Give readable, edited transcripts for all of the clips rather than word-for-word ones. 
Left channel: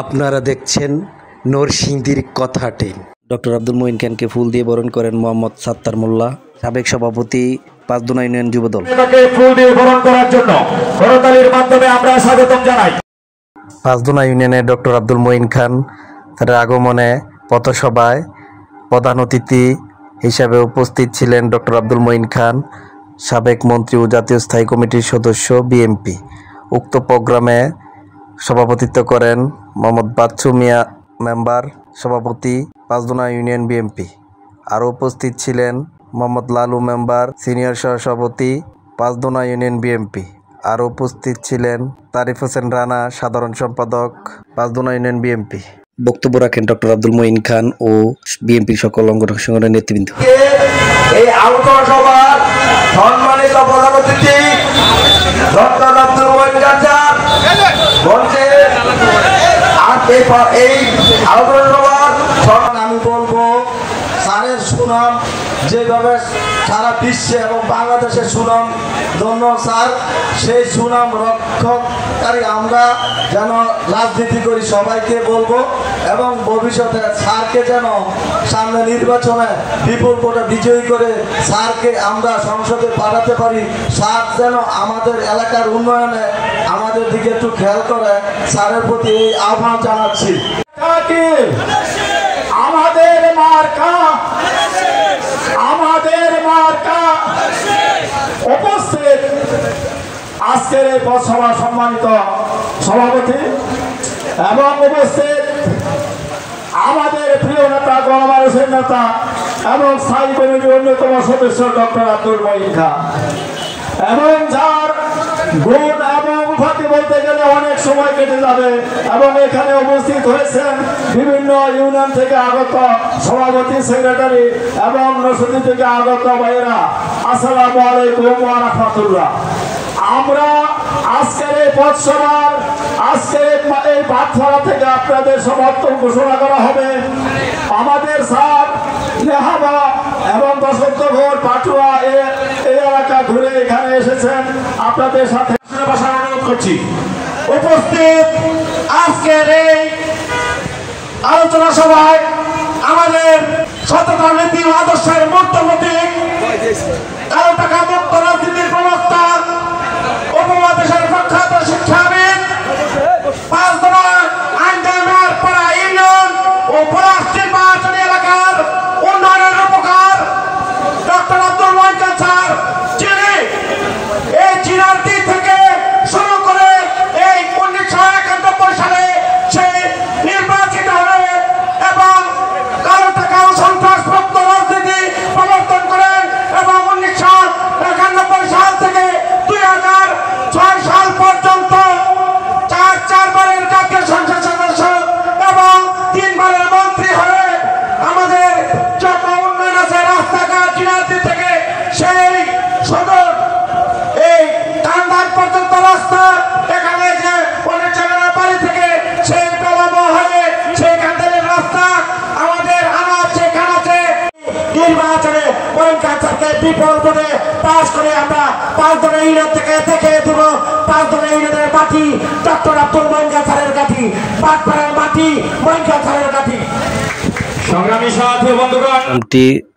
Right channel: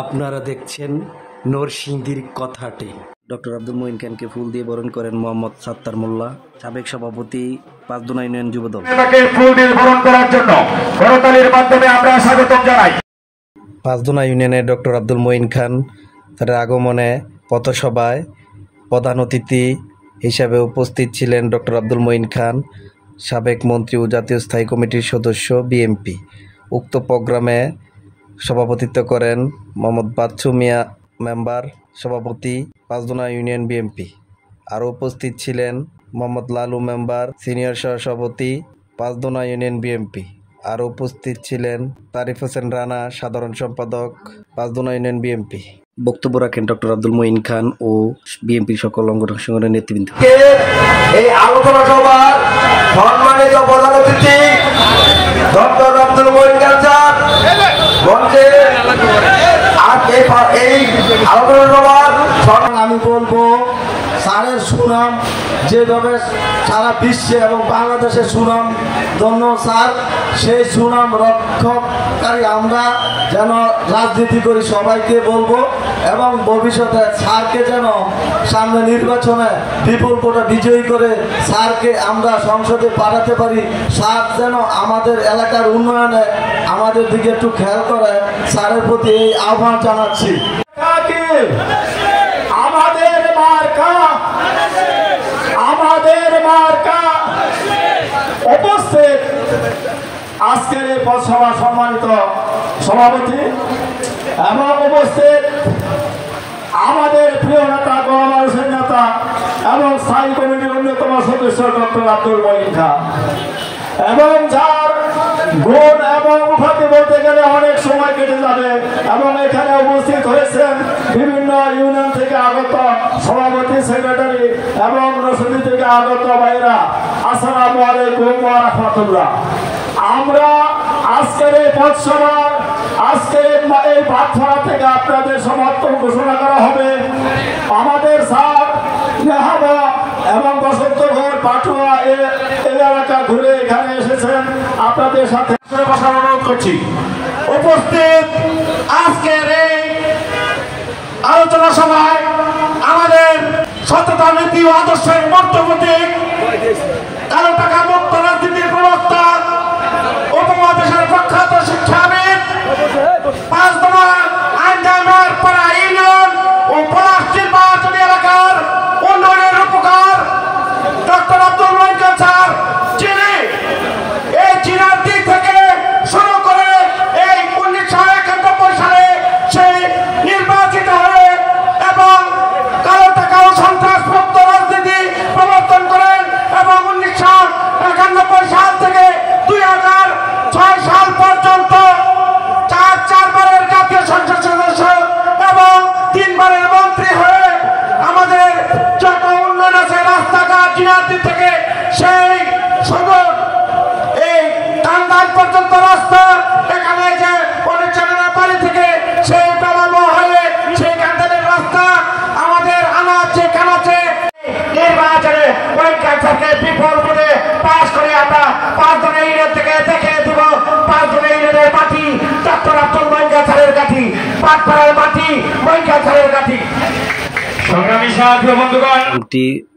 আপনারা দেখছেন নরসিংদীর কথাটে। ডক্টর আব্দুল মঈন খানকে ফুল দিয়ে বরণ করেন মোহাম্মদ সাত্তার মোল্লা, সাবেক সভাপতি পাঁচদোনা ইউনিয়ন যুবদল। পাঁচদোনা ইউনিয়নে ডক্টর আব্দুল মঈন খান তার আগমনে পথসভায় প্রধান অতিথি হিসাবে উপস্থিত ছিলেন ডক্টর আব্দুল মঈন খান, সাবেক মন্ত্রী ও জাতীয় স্থায়ী কমিটির সদস্য বিএমপি। উক্ত প্রোগ্রামে সভাপতিত্ব করেন মোহাম্মদ বাচ্চু মিয়া, মেম্বার সভাপতি পাঁচদোনা ইউনিয়ন বিএমপি। আরও উপস্থিত ছিলেন মোহাম্মদ লালু, মেম্বার সিনিয়র সহসভাপতি পাঁচদোনা ইউনিয়ন বিএমপি। আরও উপস্থিত ছিলেন তারিফ হোসেন রানা, সাধারণ সম্পাদক পাঁচদোনা ইউনিয়ন বিএমপি। বক্তব্য রাখেন ডক্টর আব্দুল মঈন খান ও বিএনপির সকল সংগঠনের নেতৃবৃন্দ। এই আলোচনা সভার সম্মানিত প্রধান অতিথি ডক্টর আব্দুল মঈন খান স্যার মঞ্চে এই আলোচনা সভার আমি বলবো স্যারের সুনাম যেভাবে সারা বিশ্বে এবং বাংলাদেশের সুনাম ধন্য স্যার, সেই সুনাম রক্ষককারী আমরা যেন রাজনীতি করি সবাইকে বলবো, এবং ভবিষ্যতে স্যারকে যেন সামনে নির্বাচনে বিপুল ভোটে বিজয়ী করে স্যারকে আমরা সংসদে পাঠাতে পারি। স্যার যেন আমাদের এলাকার উন্নয়নে আমাদের দিকে একটু খেয়াল করে, স্যারের প্রতি এই আহ্বান জানাচ্ছি। উপস্থিত আজকের এই পথসভা সম্মানিত সভাপতি এবং উপস্থিত আমাদের প্রিয় নেতা, গণমানুষের নেতা এবং স্থায়ী কমিটির অন্যতম সদস্য ডক্টর আব্দুল মঈন খান, এবং যার গুণ এবং উপাধি বলতে গেলে অনেক সময় কেটে যাবে, এবং এখানে উপস্থিত হয়েছেন বিভিন্ন ইউনিয়ন থেকে আগত সভাপতি, সেক্রেটারি এবং নরসিংদী থেকে আগত ভাইয়েরা। আসসালামু আলাইকুম ওয়া রাহমাতুল্লাহ। আমরা আজকের এই পথসভার আজকের এই পাঠশালা থেকে আপনাদের সমর্থন ঘোষণা করা হবে। আমাদের স্যার নেহাবা এবং বসন্তগড়, পাটুয়া এই এলাকা ঘুরে এখানে এসেছেন, আপনাদের সাথে বসার অনুরোধ করছি। উপস্থিত আজকের এই আলোচনা সভায় আমাদের সততা, নীতি ও আদর্শের মূর্তমতি, কারো টাকা মুক্ত রাজনীতির প্রবক্তা, উপমহাদেশের প্রখ্যাত শিক্ষাবিদ, পাঁচদোনা আইনজামের পাড়া ইউনিয়ন ও পলাশটির বাহারচুরি এলাকার উন্নয়নের রূপকার ডক্টর আব্দুল মঈন খান স্যার, যিনি এই চীনের দিক থেকে শুরু করে এই 1991 সালে সেই নির্বাচিত হয়ে এবং কালো টাকা ও সন্ত্রাস মুক্ত রাজনীতি প্রবর্তন করেন, এবং 1991 সাল থেকে 2006 সাল পর্যন্ত চারবারের জাতীয় সংসদ সদস্য এবং 3 বারের মন্ত্রী হয়ে আমাদের যত উন্নয়ন আছে, রাস্তাঘাট, জিনাদি থেকে সেই সদর এই টাঙ্গাইল পর্যন্ত রাস্তা, এখানে যে বাড়ি থেকে সেই প্রলম্ব হয়ে সেই কান্দালের রাস্তা, আমাদের আনাচে কানাচে নির্বাচনে মঈন খান স্যারকে বিপুল ভোটে পাস করে আমরা পাঁচদোনা ইউনিয়ন থেকে দেখে দিব পাঁচদোনা ইউনিয়নের মাটি ডক্টর আব্দুল মঈন খান স্যারের কাঠি, পাটপাড়ার মাটি মঈন খান স্যারের কাঠি। সংগ্রামী সাথী বন্ধুগণ,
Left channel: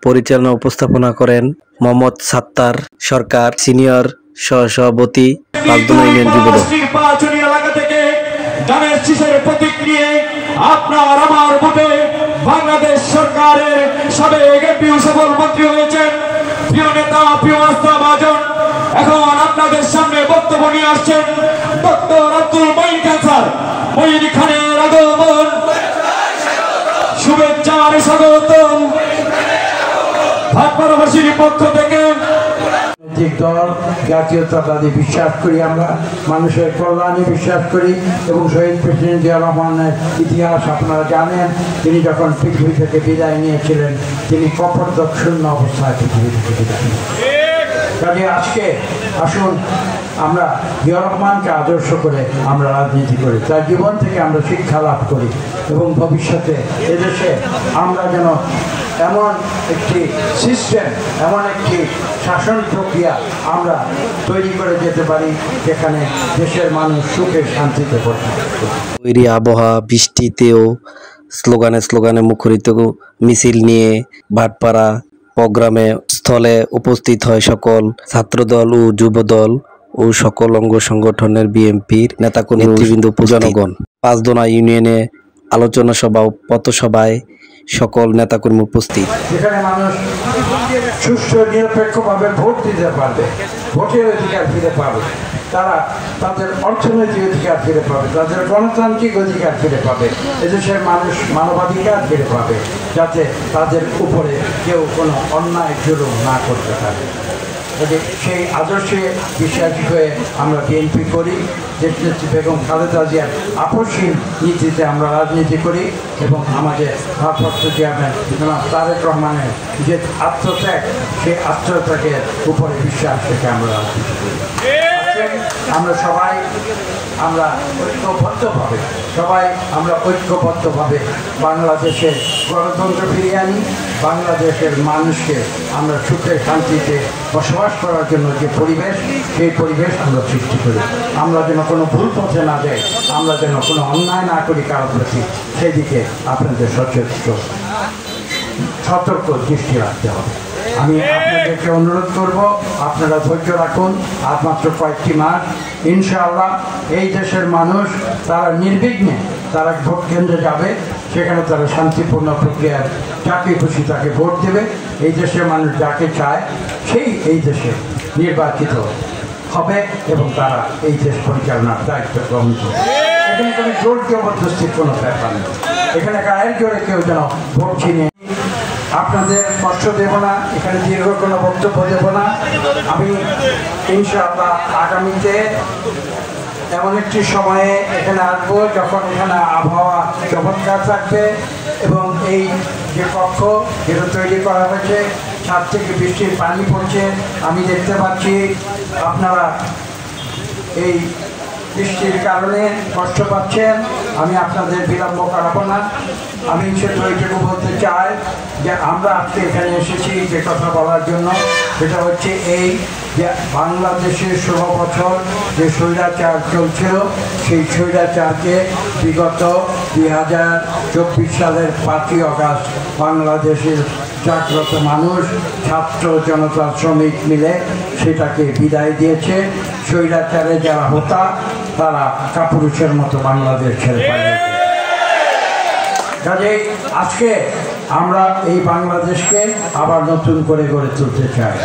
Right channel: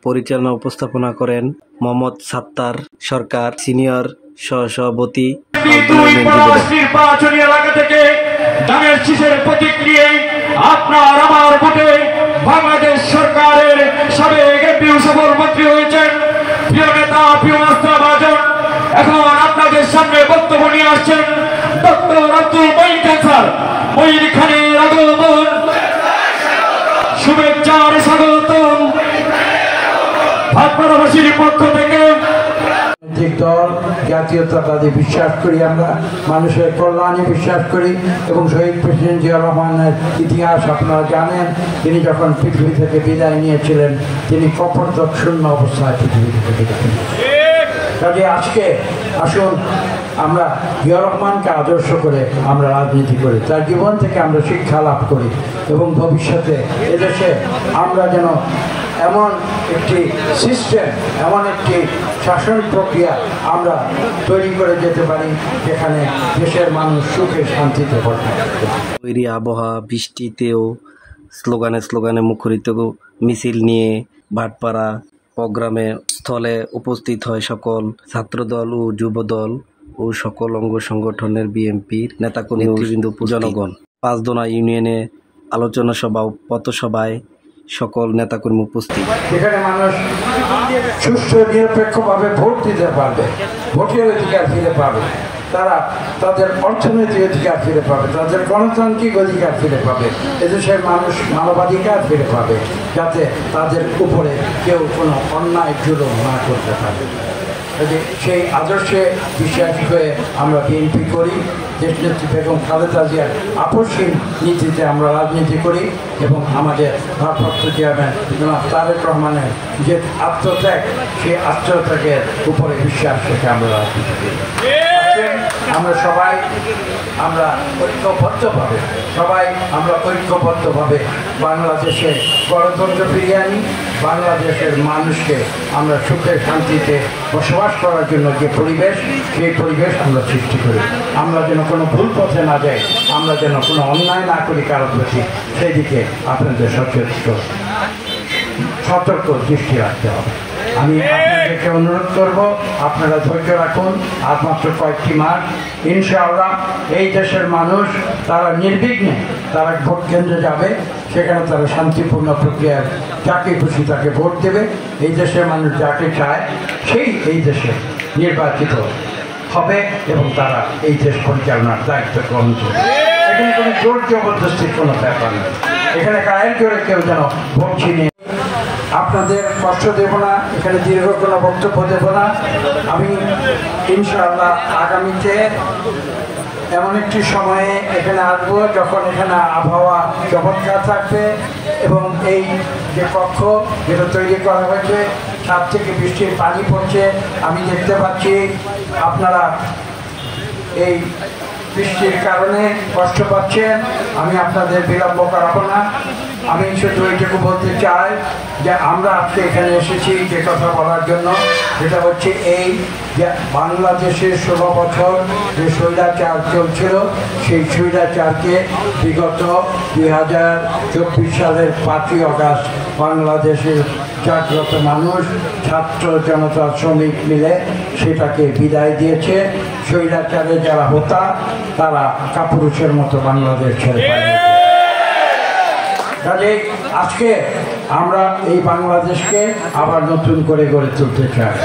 পরিচালনা উপস্থাপনা করেন মোহাম্মদ সাত্তার সরকার, সিনিয়র সহসভাপতি পাঁচদোনা ইউনিয়ন যুবদল। নির্বাচনী এলাকা থেকে ধানের শীষের প্রতীক নিয়ে আপনার আমার ভোটে বাংলাদেশ সরকারের সাবেক এমপি সফল মন্ত্রী হয়েছেন প্রিয় নেতা, প্রিয় আস্থা ভাজন। এখন আপনাদের সামনে বক্তব্য নিয়ে আসছেন ডক্টর আব্দুল মঈন খান স্যার। মঈন খানের আগমন, শুভেচ্ছার স্বাগতম ভাটপাড়াবাসীর পক্ষ থেকে। দল জাতীয়তাবাদী বিশ্বাস করি, আমরা মানুষের কল্যাণে বিশ্বাস করি, এবং শহীদ প্রেসিডেন্ট জিয়া রহমানের ইতিহাস আপনারা জানেন। তিনি যখন পৃথিবী থেকে বিদায় নিয়েছিলেন, তিনি কপটদক শূন্য অবস্থায় পৃথিবী থেকে বিদায় নিয়েছিলেন। কাজে আজকে আসুন আমরা জিয়া রহমানকে আদর্শ করে আমরা রাজনীতি করি, তার জীবন থেকে আমরা শিক্ষা লাভ করি, এবং ভবিষ্যতে এদেশে আমরা যেন এমন একটি সিস্টেম, এমন একটি শাসন প্রক্রিয়া আমরা তৈরি করে যেতে পারি, যেখানে দেশের মানুষ সুখে শান্তিতে বসবাস করে। তৈরি আবহাওয়া বৃষ্টিতেও স্লোগানে মুখরিত মিছিল নিয়ে ভাটপাড়া প্রোগ্রামে স্থলে উপস্থিত হয় সকল ছাত্রদল ও যুবদল ও সকল অঙ্গ সংগঠনের বিএনপির নেতাকর্মী নেতৃবৃন্দ জনগণ। পাঁচদোনা ইউনিয়নে আলোচনা সভা ও পথসভায় সকল নেতাকর্মী উপস্থিত। যেখানে মানুষ সুষ্ঠু নিরপেক্ষভাবে ভোট দিতে পারবে, ভোটের অধিকার ফিরে পাবে, তারা তাদের অর্থনৈতিক অধিকার ফিরে পাবে, তাদের গণতান্ত্রিক অধিকার ফিরে পাবে, এদেশের মানুষ মানবাধিকার ফিরে পাবে, যাতে তাদের উপরে কেউ কোনো অন্যায় জুলুম না করতে পারে। সেই আদর্শে বিশ্বাসী হয়ে আমরা বিএনপি করি। দেশনেত্রী বেগম খালেদা জিয়ার আপসহীন নীতিতে আমরা রাজনীতি করি এবং আমাদের ভারপ্রাপ্ত চেয়ারম্যান জনাব তারেক রহমানের যে আত্মত্যাগ, সেই আত্মত্যাগের উপরে বিশ্বাস রেখে আমরা রাজনীতি করি। আমরা সবাই ঐক্যবদ্ধভাবে বাংলাদেশের গণতন্ত্র ফিরিয়ে আনি, বাংলাদেশের মানুষকে আমরা সুখে শান্তিতে বসবাস করার জন্য যে পরিবেশ, সেই পরিবেশ আমরা সৃষ্টি করি। আমরা যেন কোনো ভুল পথে না যাই, আমরা যেন কোনো অন্যায় না করি কারোর প্রতি, সেদিকে আপনাদের সতর্ক দৃষ্টি রাখতে হবে। আমি আপনাদেরকে অনুরোধ করব, আপনারা ধৈর্য রাখুন, আর মাত্র কয়েকটি মাস। ইনশাআল্লাহ এই দেশের মানুষ তারা নির্বিঘ্নে তারা ভোট কেন্দ্রে যাবে, সেখানে তারা শান্তিপূর্ণ প্রক্রিয়ায় যাকে খুশি তাকে ভোট দেবে। এই দেশের মানুষ যাকে চায় সেই এই দেশে নির্বাচিত হবে এবং তারা এই দেশ পরিচালনার দায়িত্ব গ্রহণ করবে। এখানে কোনো জোর জবরদস্তির কোনো ব্যাপার নেই, এখানে গায়ের জোরে কেউ যেন ভোট ছিনিয়ে। আপনাদের কষ্ট দেব না, এখানে দীর্ঘ কোনো বক্তব্য দেব না। আমি ইনশাআল্লাহ আগামীতে এমন একটি সময়ে এখানে আসবো যখন এখানে আবহাওয়া চমৎকার থাকবে এবং এই যে কক্ষ যেটা তৈরি করা হয়েছে, ছাদ থেকে বৃষ্টির পানি পড়ছে, আমি দেখতে পাচ্ছি। আপনারা এই বৃষ্টির কারণে কষ্ট পাচ্ছেন, আমি আপনাদের বিলম্ব করাবো না। আমি শুধু এইটুকু বলতে চাই যে আমরা আজকে এখানে এসেছি যে কথা বলার জন্য, সেটা হচ্ছে এই যে বাংলাদেশে 16 বছর যে স্বৈরাচার চলছিল, সেই স্বৈরাচারকে বিগত 2024 সালের 5ই আগস্ট বাংলাদেশের জাগ্রত মানুষ, ছাত্র জনতা, শ্রমিক মিলে সেটাকে বিদায় দিয়েছে। স্বৈরাচারে যারা হতা তারা কাপুরুষের মতো বাংলাদেশ ছেড়ে পালিয়ে। কাজে আজকে আমরা এই বাংলাদেশকে আবার নতুন করে গড়ে তুলতে চাই।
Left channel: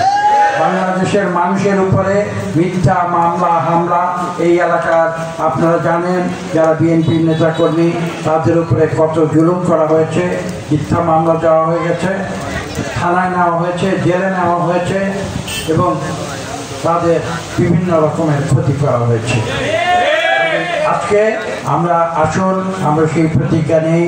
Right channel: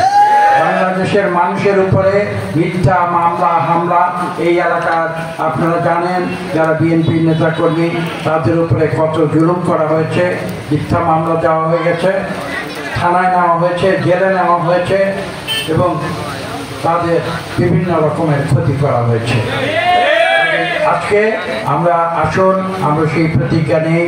বাংলাদেশের মানুষের উপরে মিথ্যা মামলা হামলা, এই এলাকার আপনারা জানেন, যারা বিএনপির নেতাকর্মী তাদের উপরে কত জুলুম করা হয়েছে, মিথ্যা মামলা দেওয়া হয়ে গেছে, থানায় নেওয়া হয়েছে, জেলে নেওয়া হয়েছে এবং তাদের বিভিন্ন রকমের ক্ষতি করা হয়েছে। আজকে আমরা আসুন আমরা সেই প্রতিজ্ঞা নেই।